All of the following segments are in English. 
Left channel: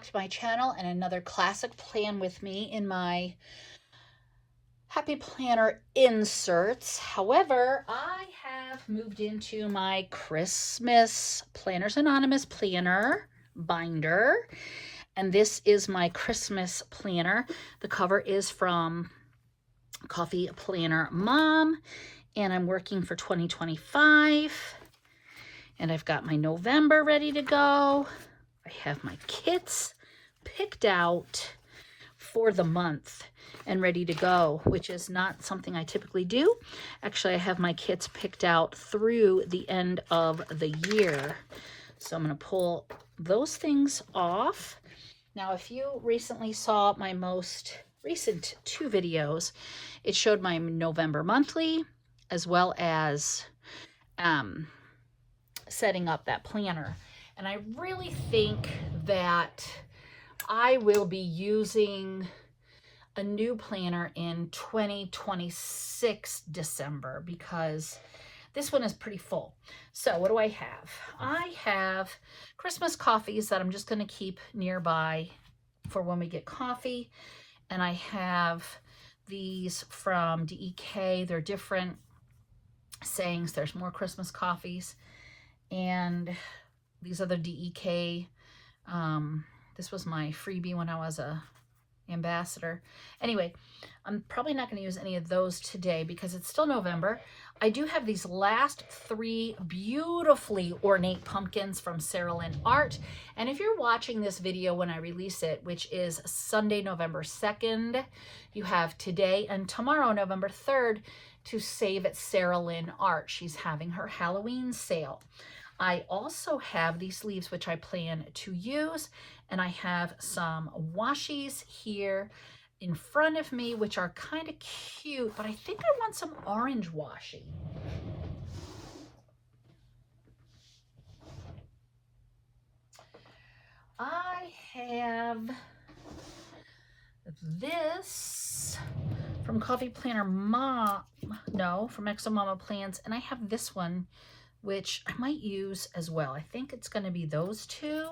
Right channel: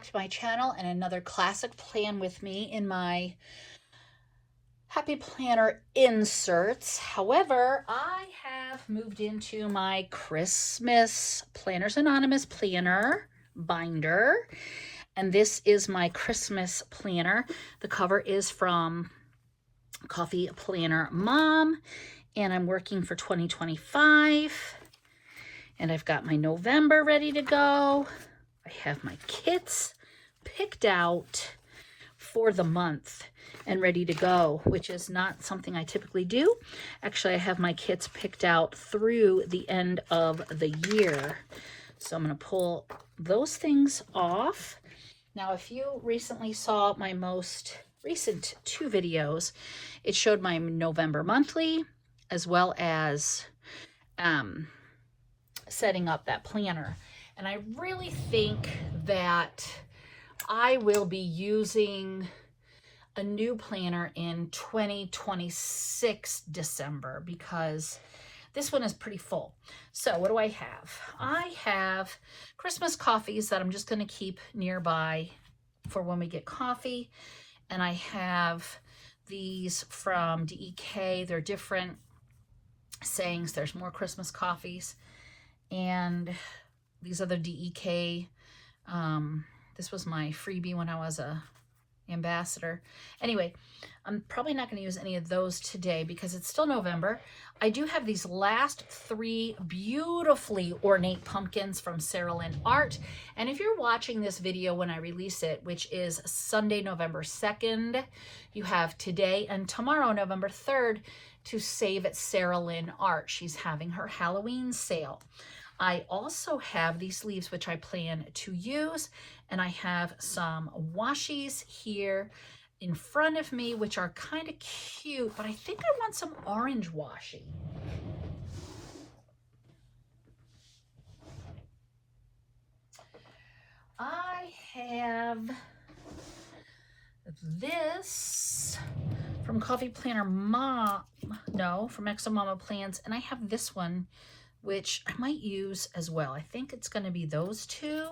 back to my channel and another classic plan with me in my Happy Planner inserts. However, I have moved into my Christmas Planners Anonymous planner binder, and this is my Christmas planner. The cover is from Coffee Planner Mom, and I'm working for 2025, and I've got my November ready to go. I have my kits picked out for the month and ready to go, which is not something I typically do. Actually, I have my kits picked out through the end of the year. So I'm going to pull those things off. Now, if you recently saw my most recent 2 videos, it showed my November monthly as well as setting up that planner. And I really think that I will be using a new planner in 2026 December because this one is pretty full. So what do I have? I have Christmas coffees that I'm just going to keep nearby for when we get coffee. And I have these from DEK. They're different sayings. There's more Christmas coffees. And these are the DEK. This was my freebie when I was a ambassador. Anyway, I'm probably not going to use any of those today because it's still November. I do have these last 3 beautifully ornate pumpkins from Sarah Lynn Art. And if you're watching this video when I release it, which is Sunday, November 2nd, you have today and tomorrow, November 3rd, to save at Sarah Lynn Art. She's having her Halloween sale. I also have these leaves, which I plan to use, and I have some washies here in front of me, which are kind of cute, but I think I want some orange washi. I have this from Coffee Planner Mom, no, from Exo Mama Plans, and I have this one, which I might use as well. I think it's going to be those 2.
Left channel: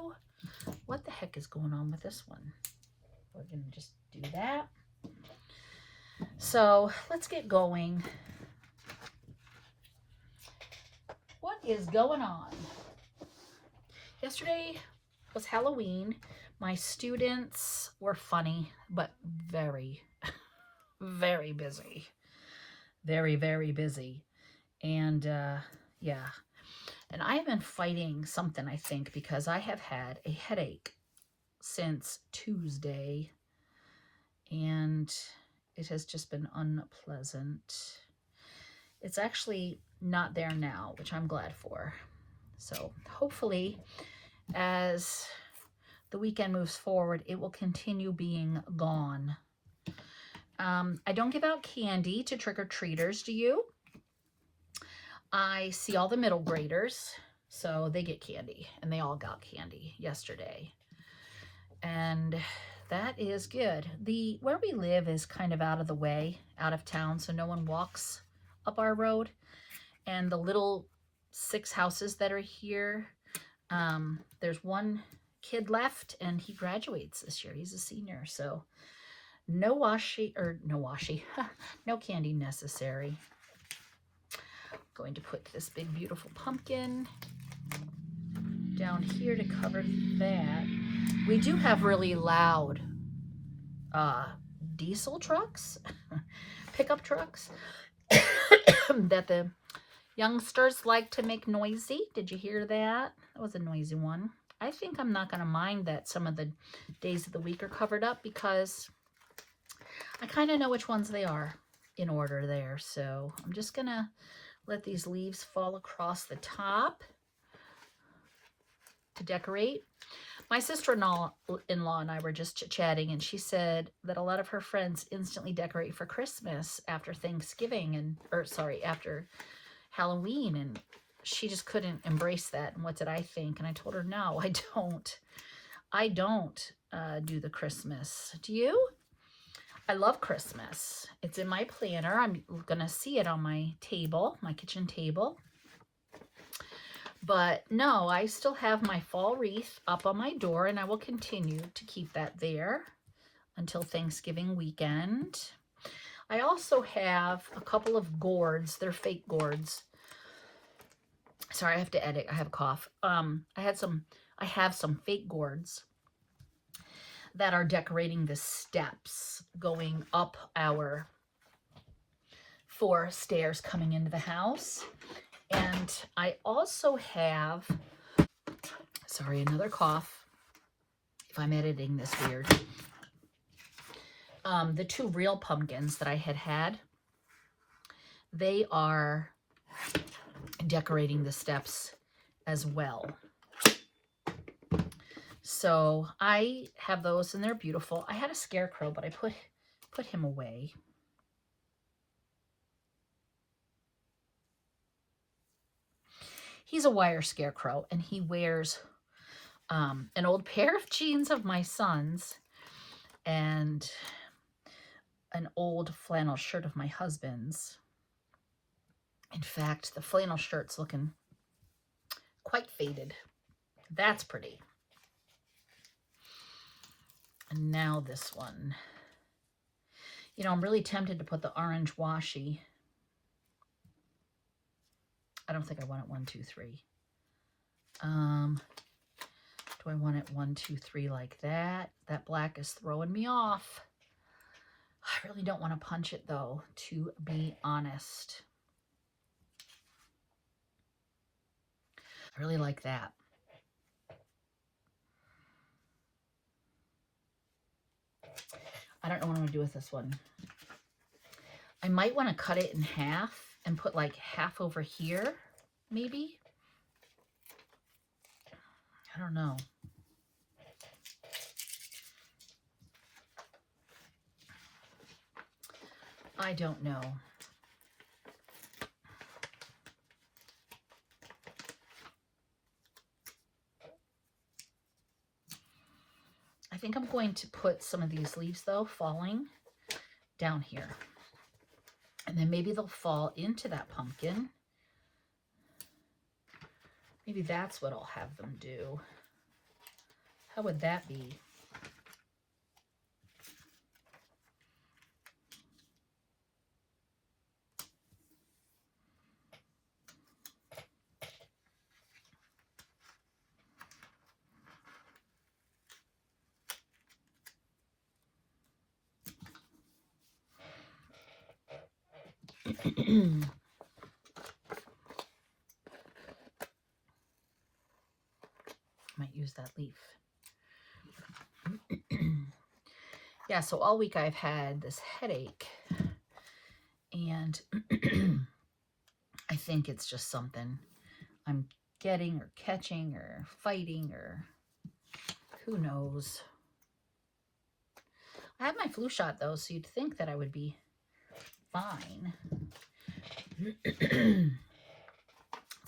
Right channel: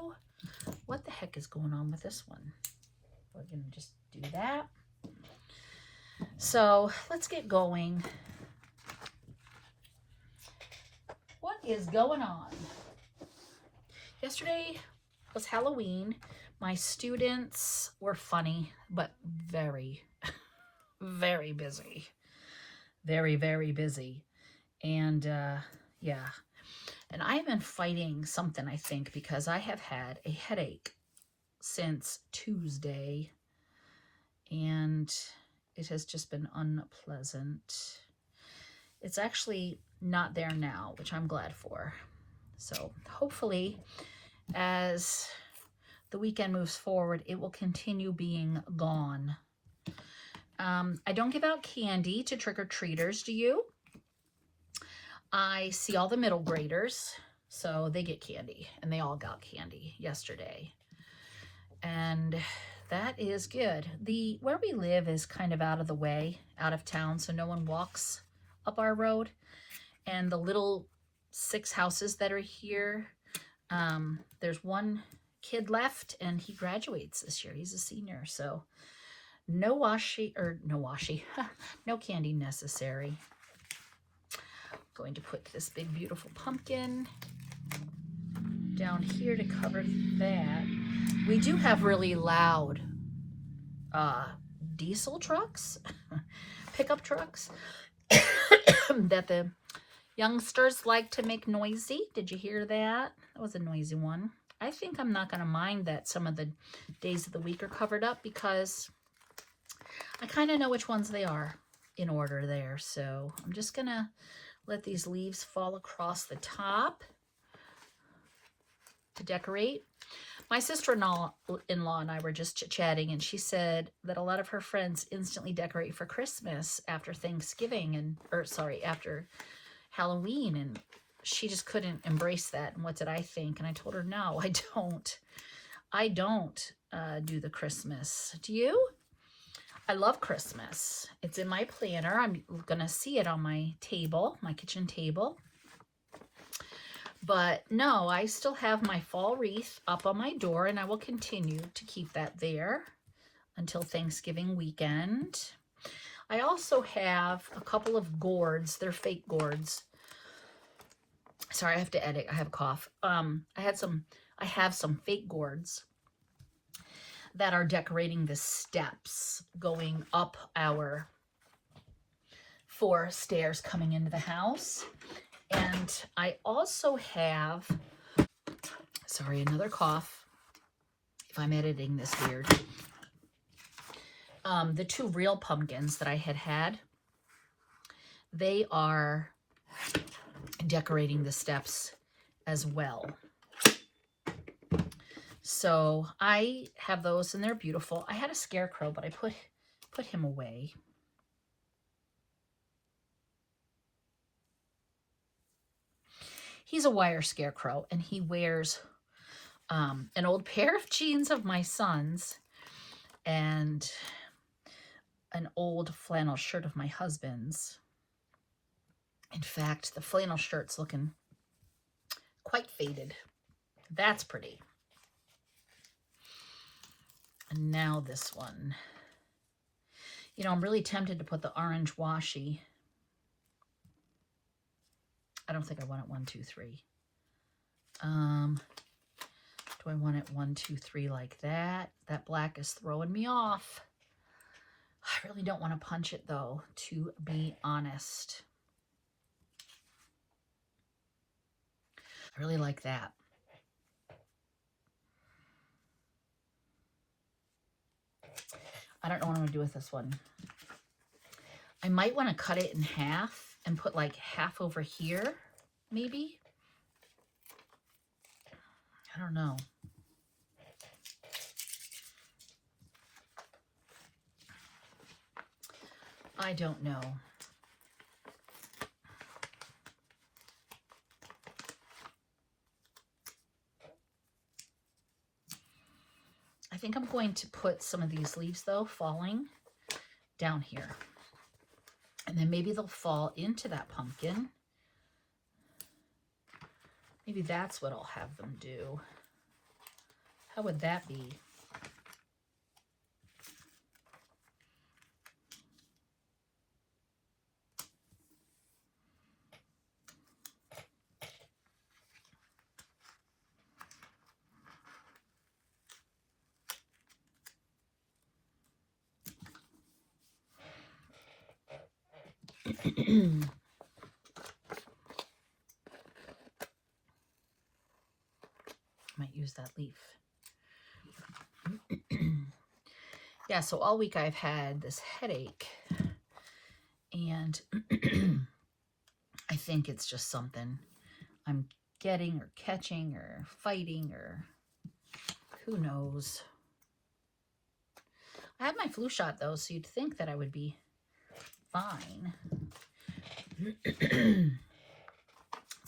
What the heck is going on with this one? We're going to just do that. So let's get going. What is going on? Yesterday was Halloween. My students were funny, but very, very busy. Very, very busy. And yeah. And I have been fighting something, I think, because I have had a headache since Tuesday. And it has just been unpleasant. It's actually not there now, which I'm glad for. So hopefully, as the weekend moves forward, it will continue being gone. I don't give out candy to trick-or-treaters, do you? I see all the middle graders, so they get candy, and they all got candy yesterday. And that is good. Where we live is kind of out of the way, out of town, so no one walks up our road. And the little 6 houses that are here, there's one kid left, and he graduates this year. He's a senior, so no candy necessary. Going to put this big beautiful pumpkin down here to cover that. We do have really loud diesel trucks, pickup trucks that the youngsters like to make noisy. Did you hear that? That was a noisy one. I think I'm not going to mind that some of the days of the week are covered up because I kind of know which ones they are in order there. So I'm just going to let these leaves fall across the top to decorate. My sister-in-law and I were just chit-chatting, and she said that a lot of her friends instantly decorate for Christmas after Thanksgiving after Halloween, and she just couldn't embrace that. And what did I think? And I told her, no, I don't do the Christmas. Do you? I love Christmas. It's in my planner. I'm going to see it on my table, my kitchen table. But no, I still have my fall wreath up on my door, and I will continue to keep that there until Thanksgiving weekend. I also have a couple of gourds. They're fake gourds. Sorry, I have to edit. I have a cough. I have some fake gourds that are decorating the steps going up our 4 stairs coming into the house. And I also have, sorry, another cough, if I'm editing this weird. The 2 real pumpkins that I had, they are decorating the steps as well. So I have those and they're beautiful. I had a scarecrow, but I put him away. He's a wire scarecrow, and he wears an old pair of jeans of my son's and an old flannel shirt of my husband's. In fact, the flannel shirt's looking quite faded. That's pretty. And now this one. You know, I'm really tempted to put the orange washi. I don't think I want it 1, 2, 3. Do I want it 1, 2, 3 like that? That black is throwing me off. I really don't want to punch it though, to be honest. I really like that. I don't know what I'm going to do with this one. I might want to cut it in half and put like half over here, maybe. I don't know. I don't know. I think I'm going to put some of these leaves, though, falling down here. And then maybe they'll fall into that pumpkin. Maybe that's what I'll have them do. How would that be? Might use that leaf. Yeah, so all week I've had this headache, and I think it's just something I'm getting or catching or fighting, or who knows. I have my flu shot though, so you'd think that I would be fine. Let's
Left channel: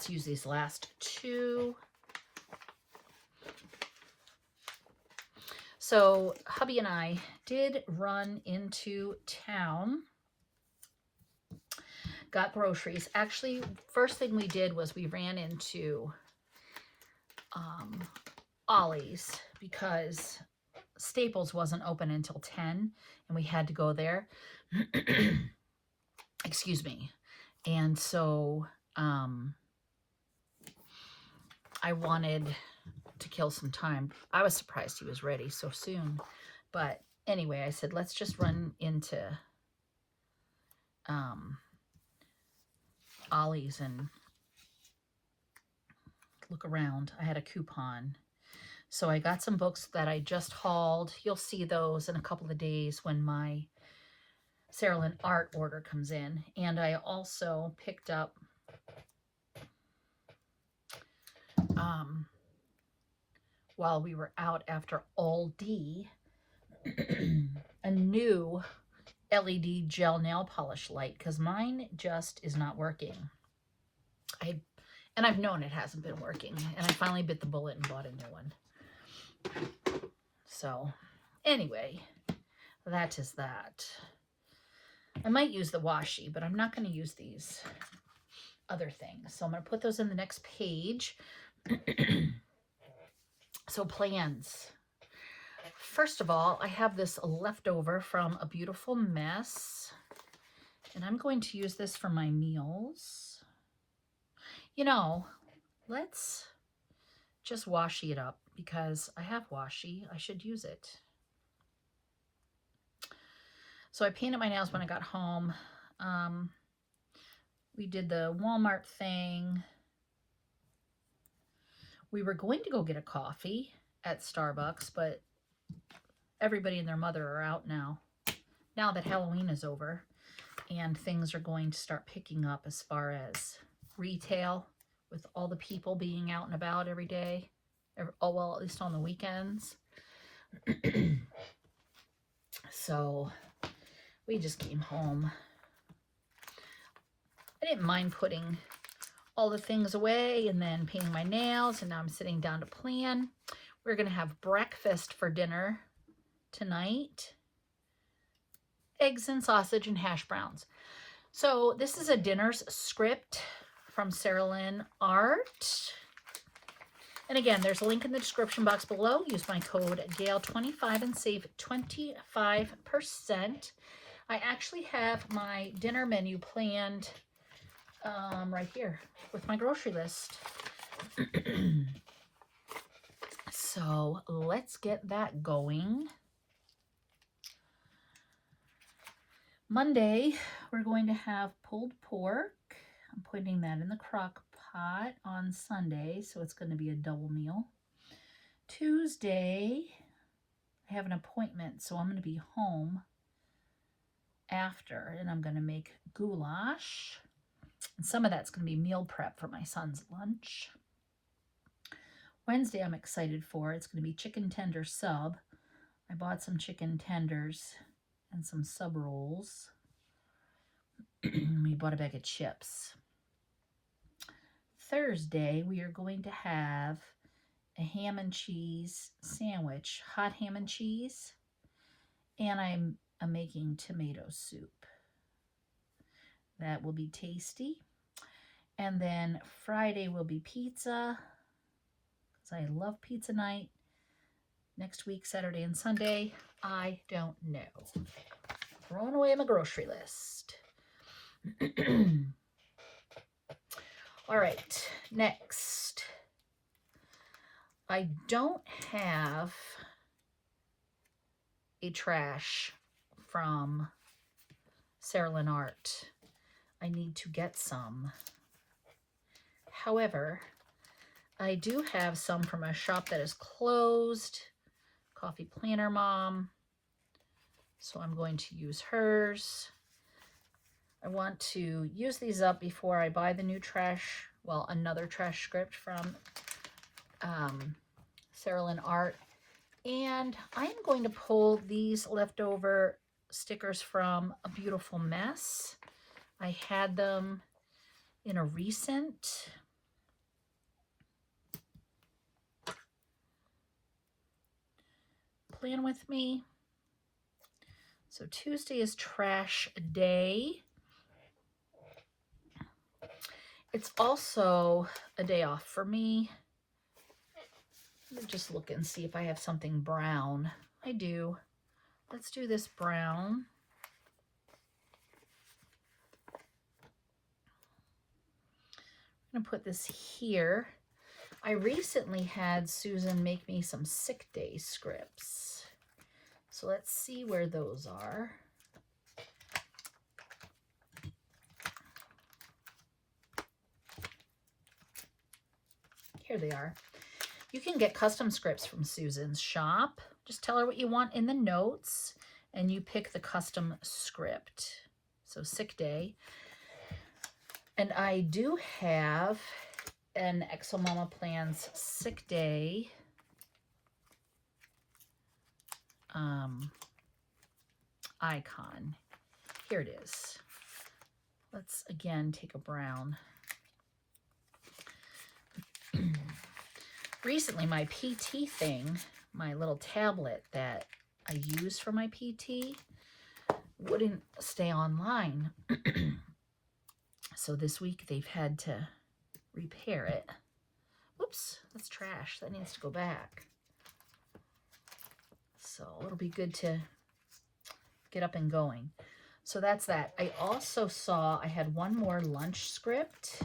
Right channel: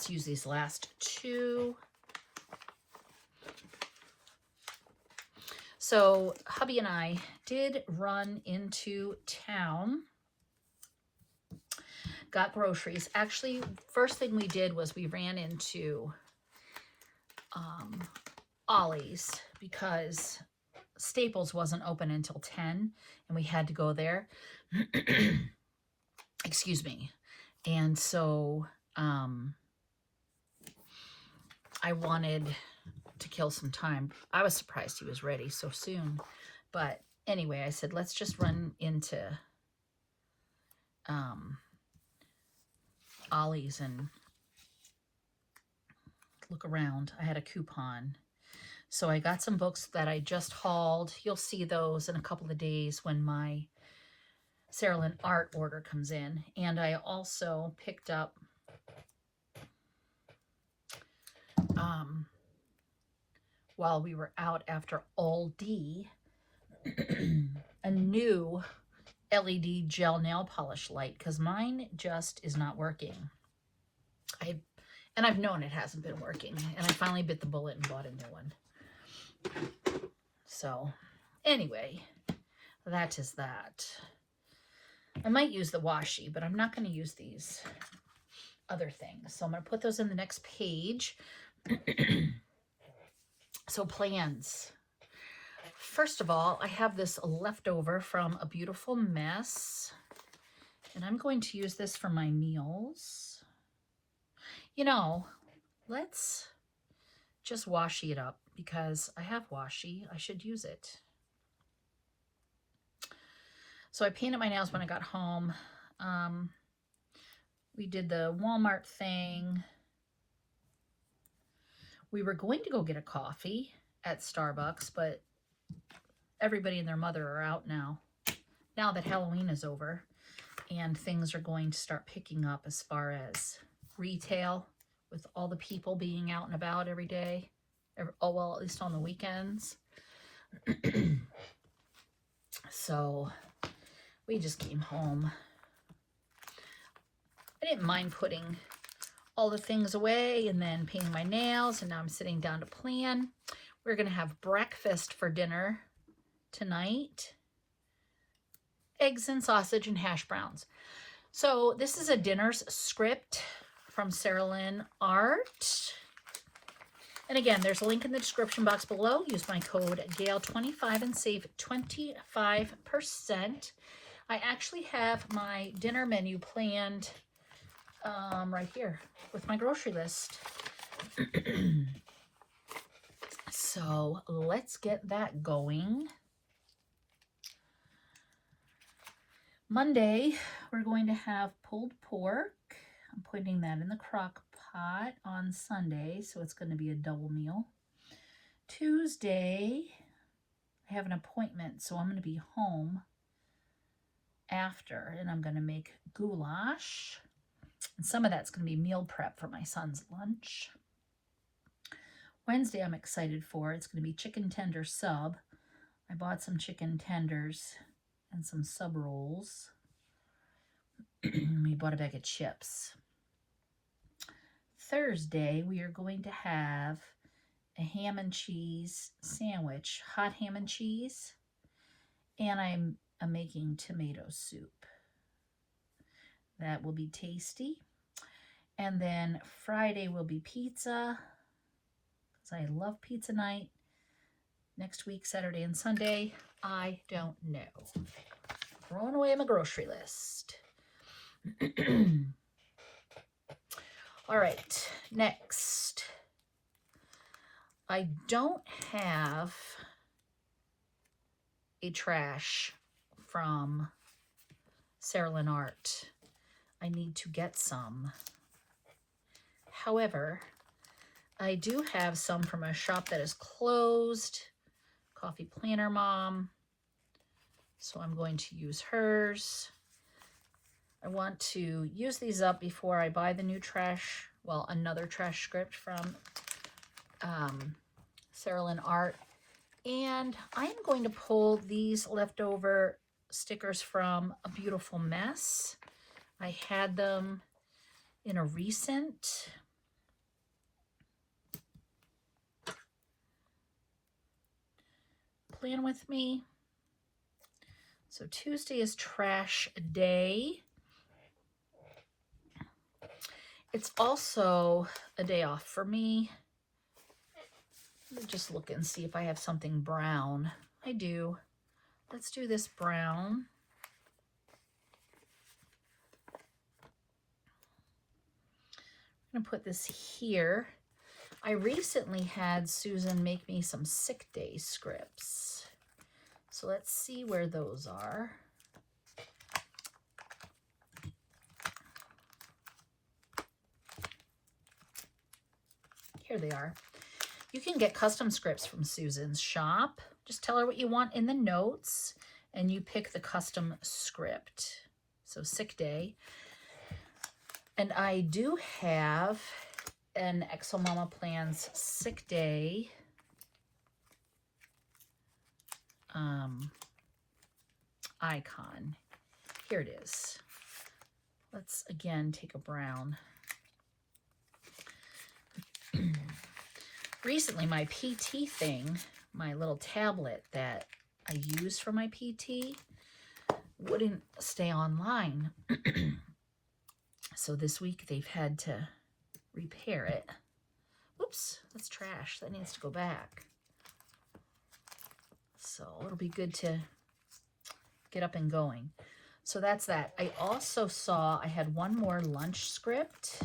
use these last 2. So hubby and I did run into town, got groceries. Actually, first thing we did was we ran into Ollie's because Staples wasn't open until 10 and we had to go there. Excuse me. And so I wanted to kill some time. I was surprised he was ready so soon. But anyway, I said, let's just run into Ollie's and look around. I had a coupon. So I got some books that I just hauled. You'll see those in a couple of days when my Sarah Lynn art order comes in. And I also picked up while we were out after Aldi, a new LED gel nail polish light, because mine just is not working. I've known it hasn't been working, and I finally bit the bullet and bought a new one. So anyway, that is that. I might use the washi, but I'm not going to use these. other things. So I'm going to put those in the next page. So plans. First of all, I have this leftover from A Beautiful Mess, and I'm going to use this for my meals. You know, let's just washi it up because I have washi. I should use it. So I painted my nails when I got home. We did the Walmart thing. We were going to go get a coffee at Starbucks, but everybody and their mother are out now that Halloween is over, and things are going to start picking up as far as retail, with all the people being out and about every day. Oh, well, at least on the weekends. So we just came home. I didn't mind putting all the things away and then painting my nails, and now I'm sitting down to plan. We're going to have breakfast for dinner tonight. Eggs and sausage and hash browns. So this is a dinner's script from Sarah Lynn Art. And again, there's a link in the description box below. Use my code GAIL25 and save 25%. I actually have my dinner menu planned right here with my grocery list. So let's get that going. Monday, we're going to have pulled pork. I'm putting that in the crock pot on Sunday, so it's going to be a double meal. Tuesday, I have an appointment, so I'm going to be home after, and I'm going to make goulash. And some of that's going to be meal prep for my son's lunch. Wednesday, I'm excited for. It's going to be chicken tender sub. I bought some chicken tenders and some sub rolls. We bought a bag of chips. Thursday, we are going to have a ham and cheese sandwich, hot ham and cheese, and I'm making tomato soup. That will be tasty. And then Friday will be pizza, because I love pizza night. Next week, Saturday and Sunday, I don't know. Throwing away my grocery list. All right, next. I don't have a trash from Sarah Lynn Art. I need to get some. However, I do have some from a shop that is closed, Coffee Planner Mom. So I'm going to use hers. I want to use these up before I buy the new trash, well, another trash script from Sarah Lynn Art. And I'm going to pull these leftover stickers from A Beautiful Mess. I had them in a recent. Plan with me. So Tuesday is trash day. It's also a day off for me. Let me just look and see if I have something brown. I do. Let's do this brown. I'm going to put this here. I recently had Susan make me some sick day scripts. So let's see where those are. Here they are. You can get custom scripts from Susan's shop. Just tell her what you want in the notes and you pick the custom script. So sick day. And I do have an Exo-Mama Plans sick day icon. Here it is. Let's again take a brown. Recently, my PT thing, my little tablet that I use for my PT, wouldn't stay online. So this week they've had to repair it. Oops, that's trash. That needs to go back. So it'll be good to get up and going. So that's that. I also saw I had one more lunch script.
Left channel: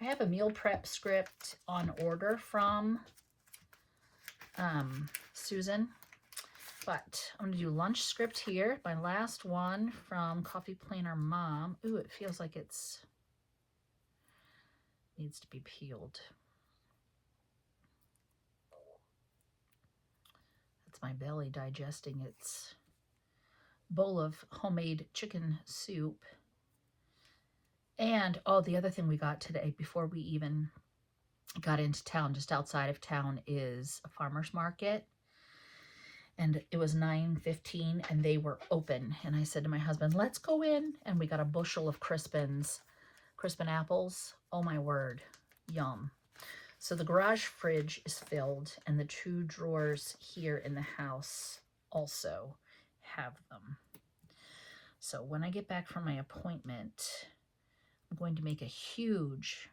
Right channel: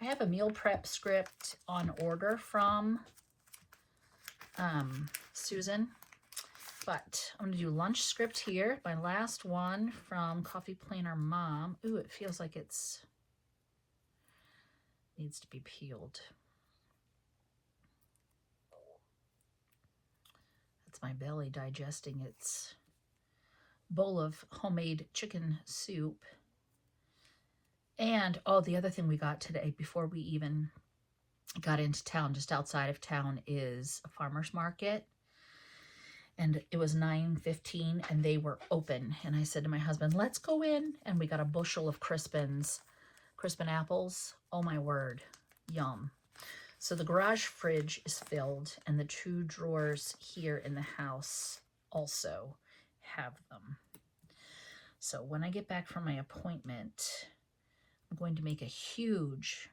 I have a meal prep script on order from Susan, but I'm going to do lunch script here. My last one from Coffee Planner Mom. Ooh, it feels like it's needs to be peeled. That's my belly digesting its bowl of homemade chicken soup. And, oh, the other thing we got today before we even got into town, just outside of town, is a farmer's market. And it was 9:15 and they were open. And I said to my husband, let's go in. And we got a bushel of Crispin apples. Oh my word, yum. So the garage fridge is filled and the 2 drawers here in the house also have them. So when I get back from my appointment, I'm going to make a huge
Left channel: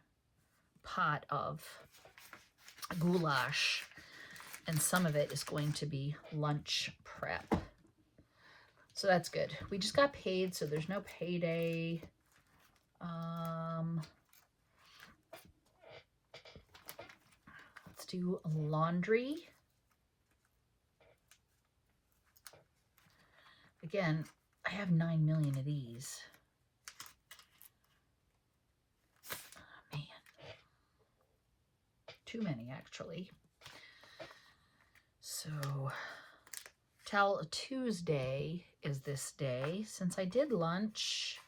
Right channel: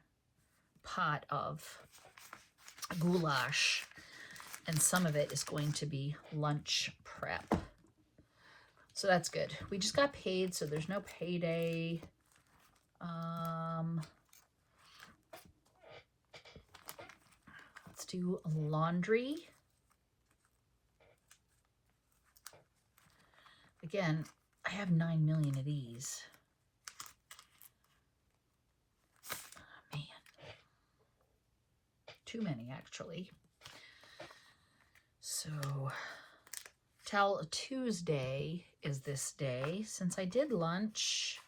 pot of goulash, and some of it is going to be lunch prep. So that's good. We just got paid, so there's no payday. Let's do laundry. Again, I have 9 million of these. Man, too many actually. So Tell Tuesday is this day. Since I did lunch,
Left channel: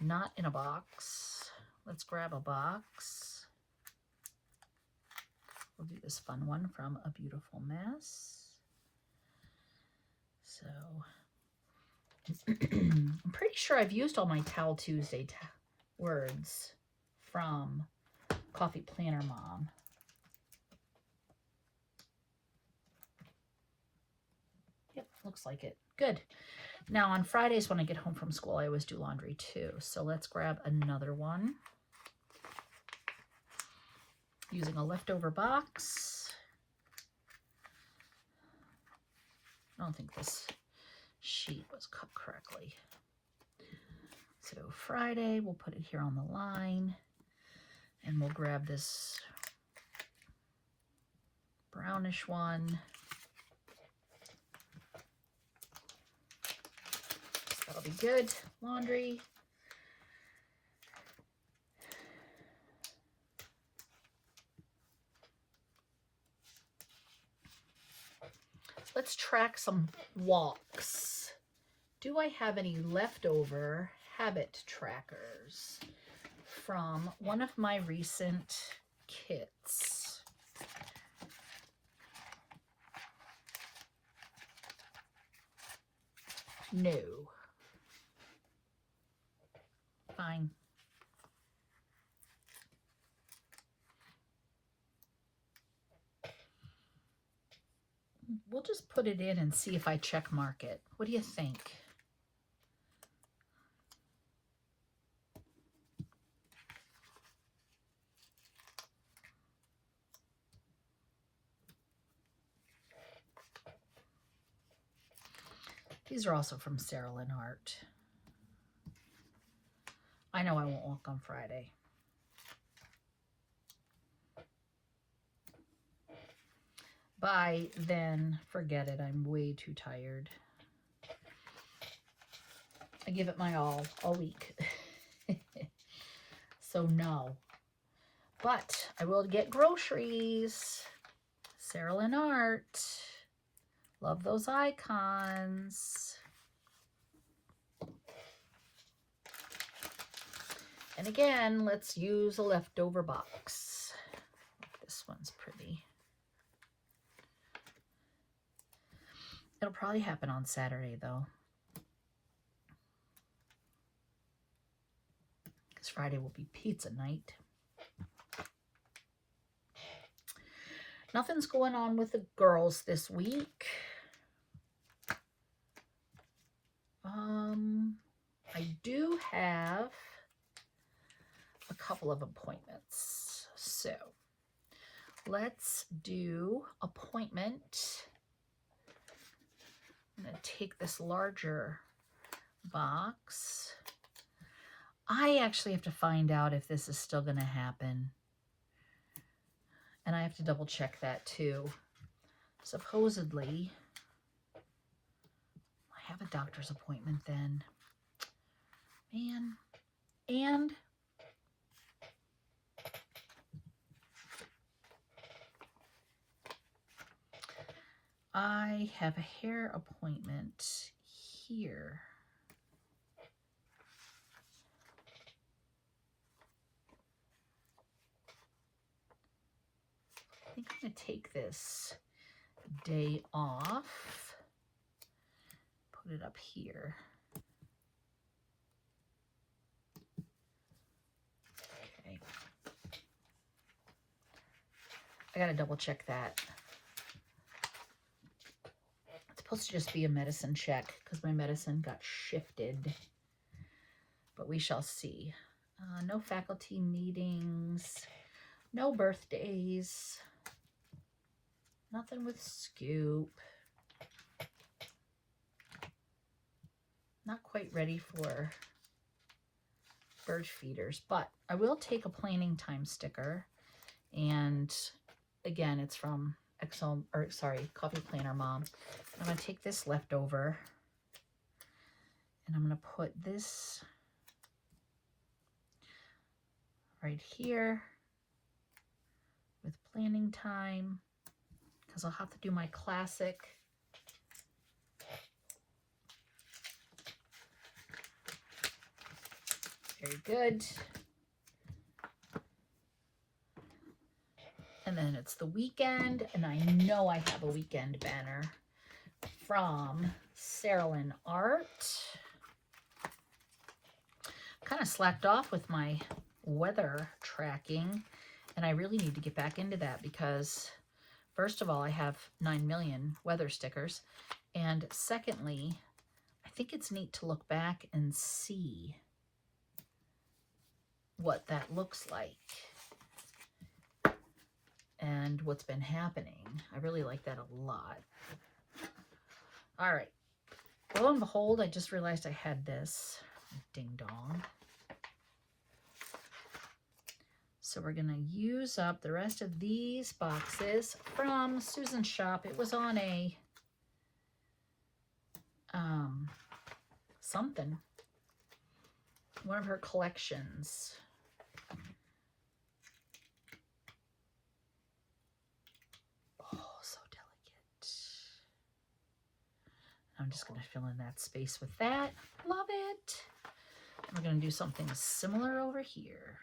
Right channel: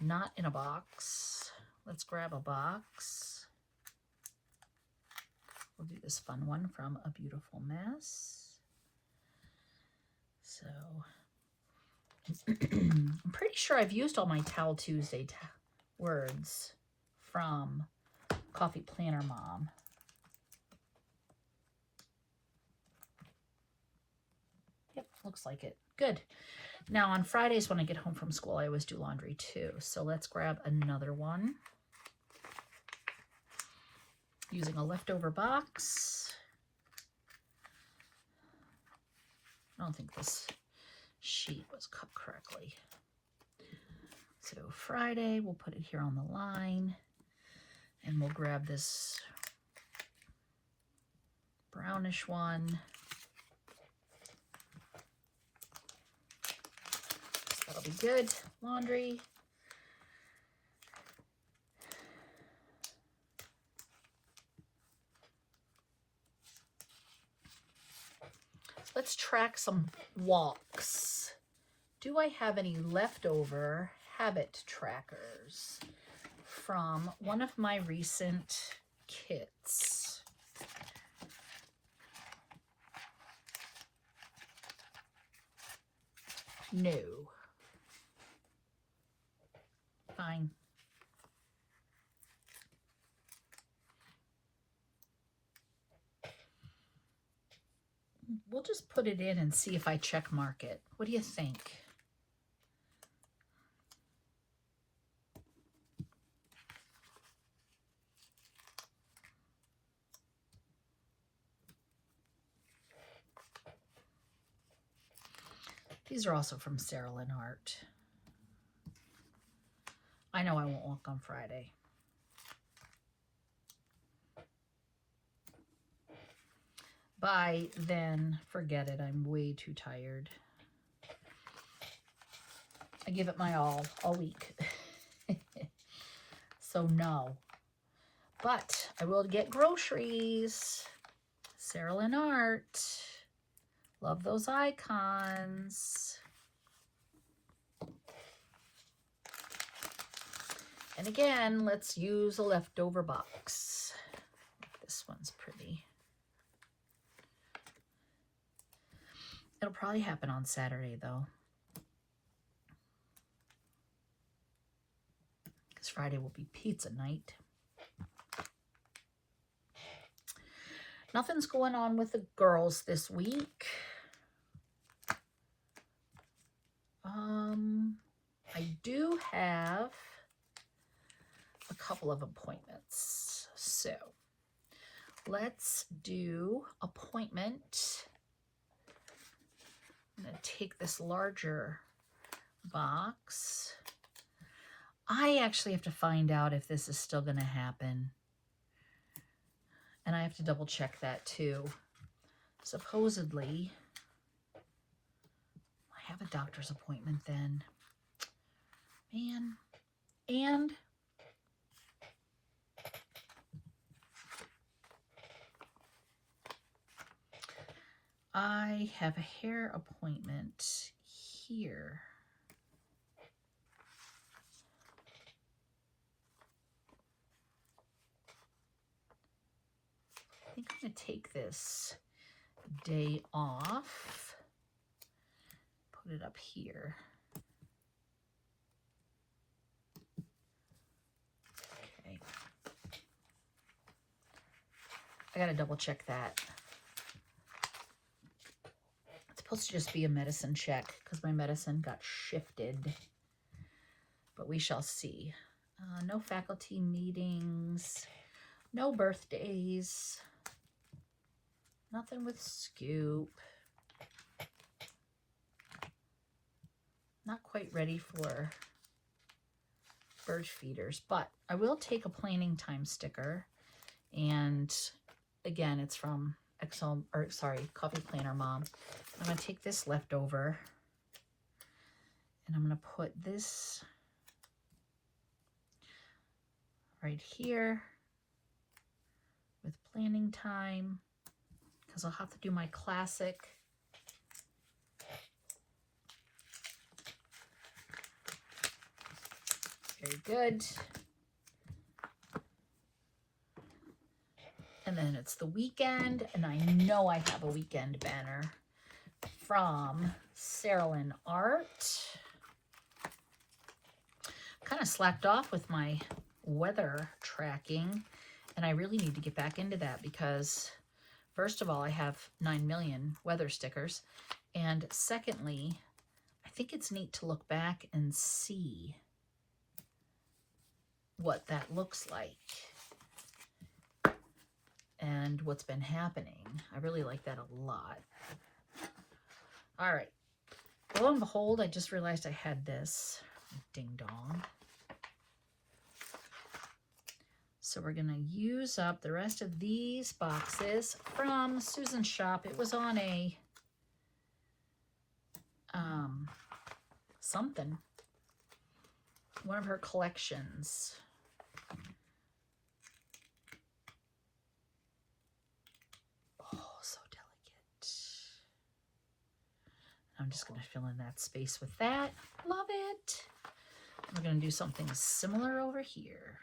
not in a box, let's grab a box. We'll do this fun one from A Beautiful Mess. So I'm pretty sure I've used all my Towel Tuesday words from Coffee Planner Mom. Yep, looks like it. Good. Now on Fridays when I get home from school, I always do laundry too. So let's grab another one. Using a leftover box. I don't think this sheet was cut correctly. So Friday, we'll put it here on the line. And we'll grab this brownish one. That'll be good. Laundry. So let's track some walks. Do I have any leftover habit trackers from one of my recent kits? No. Fine. We'll just put it in and see if I check mark it. What do you think? These are also from Sarah Lynn Art. I know I won't walk on Friday. By then, forget it. I'm way too tired. I give it my all week. So no. But I will get groceries. Sarah Lynn Art. Love those icons. And again, let's use a leftover box. This one's pretty. It'll probably happen on Saturday though. Because Friday will be pizza night. Nothing's going on with the girls this week. I do have couple of appointments. So let's do appointment. I'm going to take this larger box. I actually have to find out if this is still going to happen. And I have to double check that too. Supposedly, I have a doctor's appointment then. Man. And I have a hair appointment here. I think I'm going to take this day off, put it up here. Okay. I got to double check that. It's supposed to just be a medicine check because my medicine got shifted, but we shall see. No faculty meetings, no birthdays. Nothing with Scoop. Not quite ready for bird feeders, but I will take a planning time sticker. And again, it's from Coffee Planner Mom. I'm going to take this leftover and I'm going to put this right here with planning time, because I'll have to do my classic. Very good. And then it's the weekend, and I know I have a weekend banner from Saralyn Art. Kind of slacked off with my weather tracking, and I really need to get back into that because first of all, I have 9 million weather stickers. And secondly, I think it's neat to look back and see what that looks like and what's been happening. I really like that a lot. All right. Lo and behold, I just realized I had this. Ding dong. So we're going to use up the rest of these boxes from Susan's shop. It was on a something, one of her collections. Oh, so delicate. I'm just going to fill in that space with that. Love it. We're going to do something similar over here.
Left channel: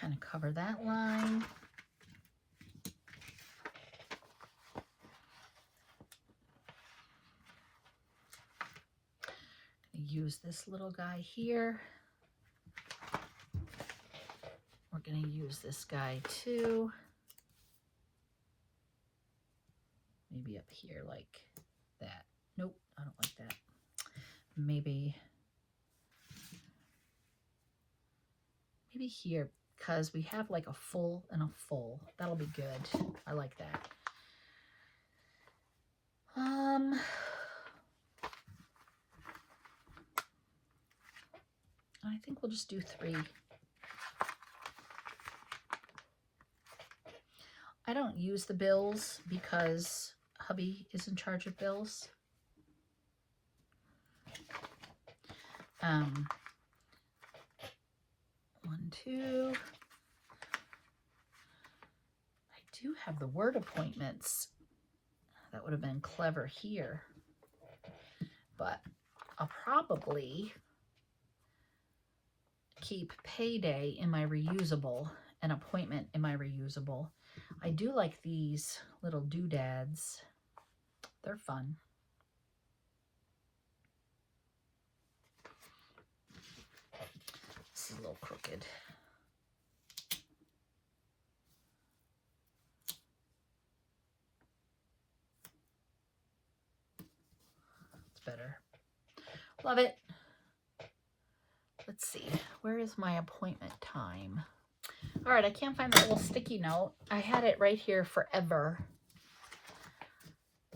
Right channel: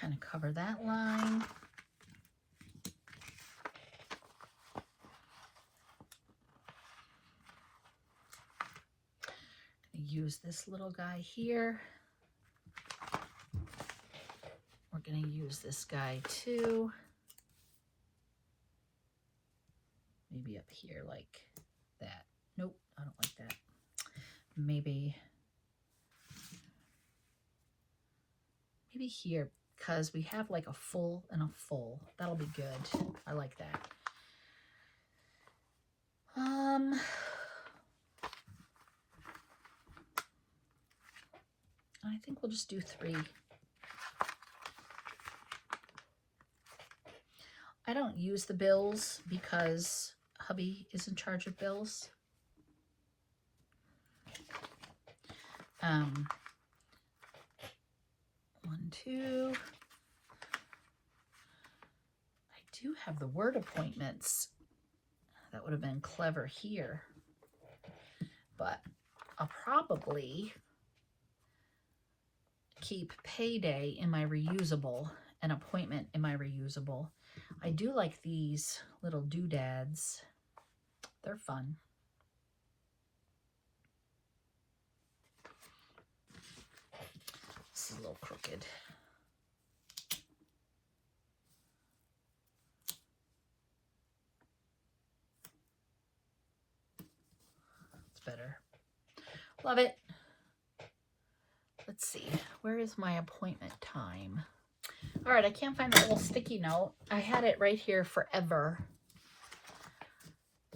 Kind of cover that line. Use this little guy here. We're going to use this guy too. Maybe up here like that. Nope, I don't like that. Maybe here, because we have like a full and a full. That'll be good. I like that. I think we'll just do 3. I don't use the bills because hubby is in charge of bills. 1, 2. I do have the word appointments. That would have been clever here. But I'll probably keep payday in my reusable and appointment in my reusable. I do like these little doodads. They're fun. This is a little crooked. It's better. Love it. Let's see. Where is my appointment time? All right, I can't find that little sticky note. I had it right here forever.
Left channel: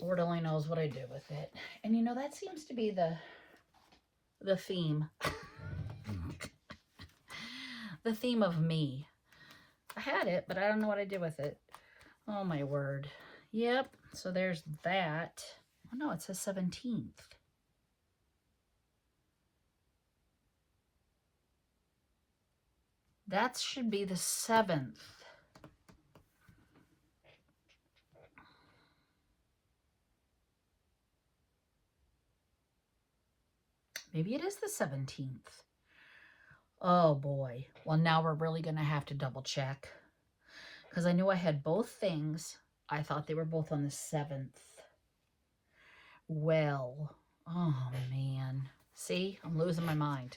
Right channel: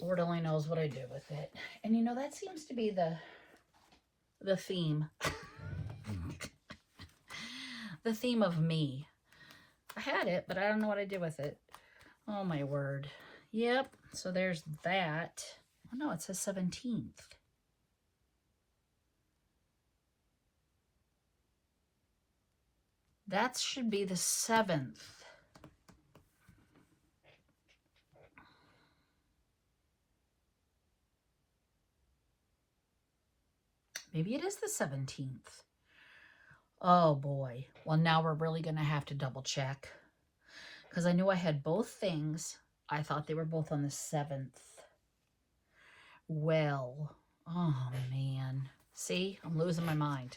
Lord only knows what I did with it. And you know, that seems to be the theme. The theme of me. I had it, but I don't know what I did with it. Oh my word. Yep. So there's that. Oh no, it says 17th. That should be the 7th. Maybe it is the 17th. Oh boy. Well, now we're really going to have to double check. Because I knew I had both things. I thought they were both on the 7th. Well, oh man. See, I'm losing my mind.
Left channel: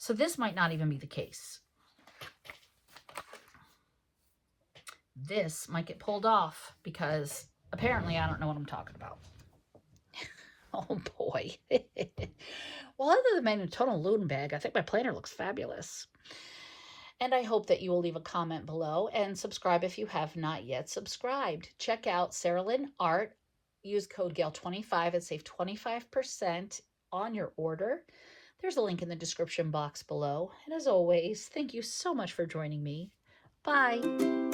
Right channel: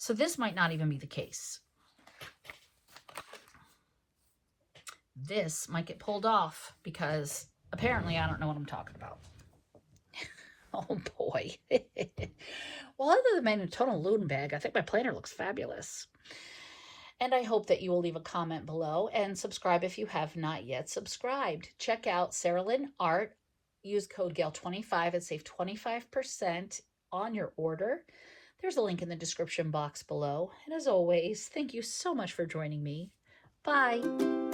So this might not even be the case. This might get pulled off because apparently I don't know what I'm talking about. Oh boy. Well, other than my Nutella Loon bag, I think my planner looks fabulous. And I hope that you will leave a comment below and subscribe if you have not yet subscribed. Check out Sarah Lynn Art. Use code GALE25 and save 25% on your order. There's a link in the description box below. And as always, thank you so much for joining me. Bye.